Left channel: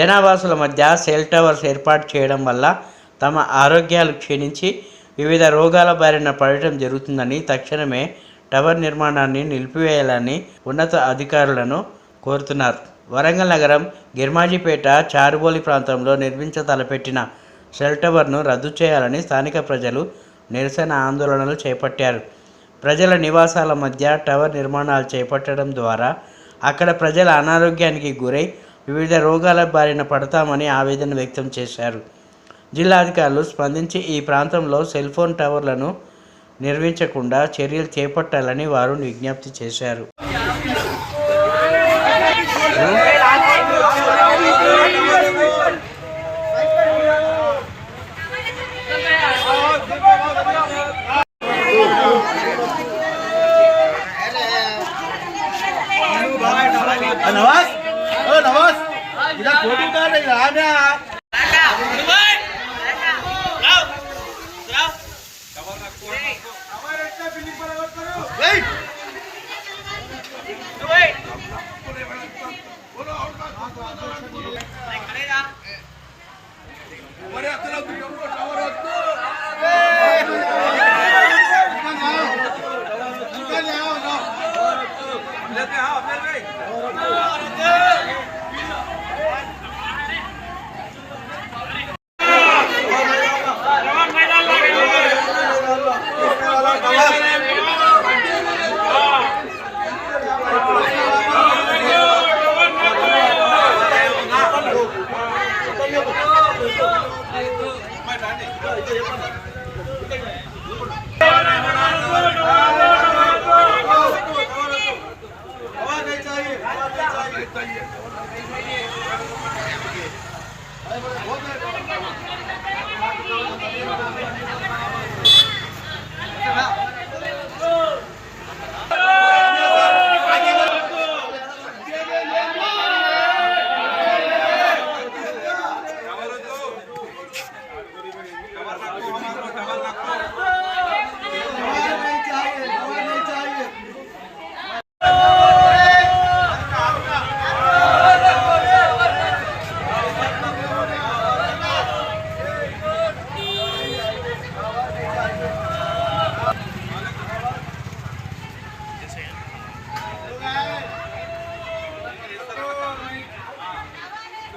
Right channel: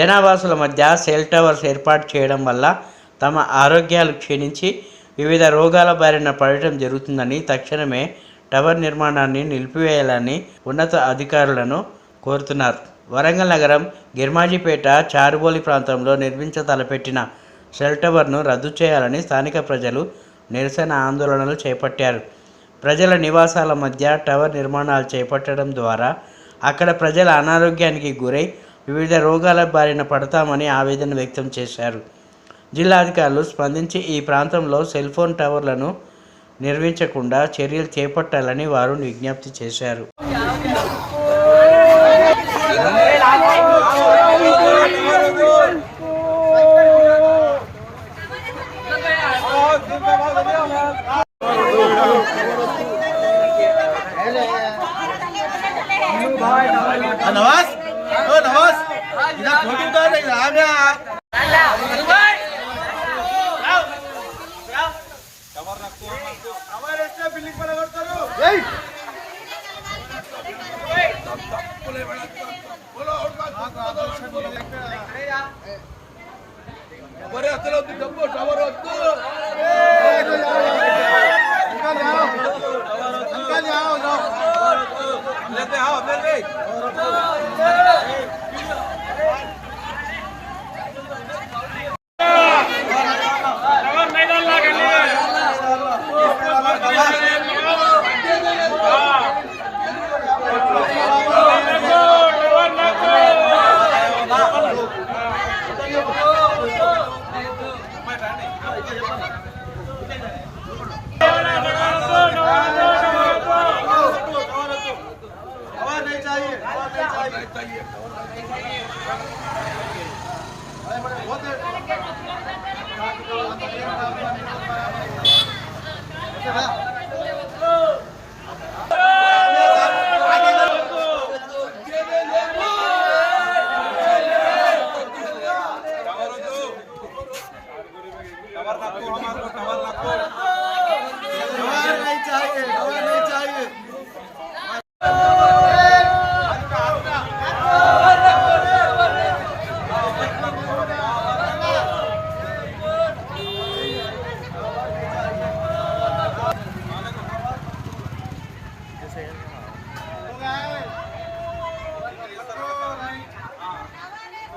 జనావాసుల మధ్య cell towers ఏర్పాటు చేయడం వల్ల తమ ఆరోగ్యాలు క్షీణించి వివిధ రోగాల బారిన పడటం జరుగుతుందని తక్షణమే టవర్ నిర్మాణాన్ని నిలిపివేయాలని ఉన్నత అధికారులను కోరుతున్నారు. వరంగల్ నగరం గిర్మాజిపేట చారుబోలి ప్రాంతంలో నిర్మించతలపెట్టిన సెల్ టవర్ను రద్దు చేయాలని స్థానిక ప్రజలు నిరసన ఆందోళనలు చేపట్టారు. ప్రజల నివాసాల మధ్య టవర్ నిర్మాణాలు చేపట్టడం ద్వారా అక్కడ ప్రజల అనారోగ్యానికి గురై వివిధ రోగాల బారిన పడతామని ఆవేదన వ్యక్తం చేశారు. జిల్లాధికారులు స్పందించి ఈ ప్రాంతంలో సెల్ ఫోన్ టవర్లను నిర్మించకుండా చర్యలు చేపట్టాలని వారు విజ్ఞప్తి చేశారు. नवाज ओ नवाज इधर फोटो उतार रहे आ गया हमारे इतना बिल्डिंग पर अगर करो ए बोलो खड़े जा बड़े अतलो तुमको टावर रखो निकल जाओ जाओ लेते आओ अपने पे चाहिए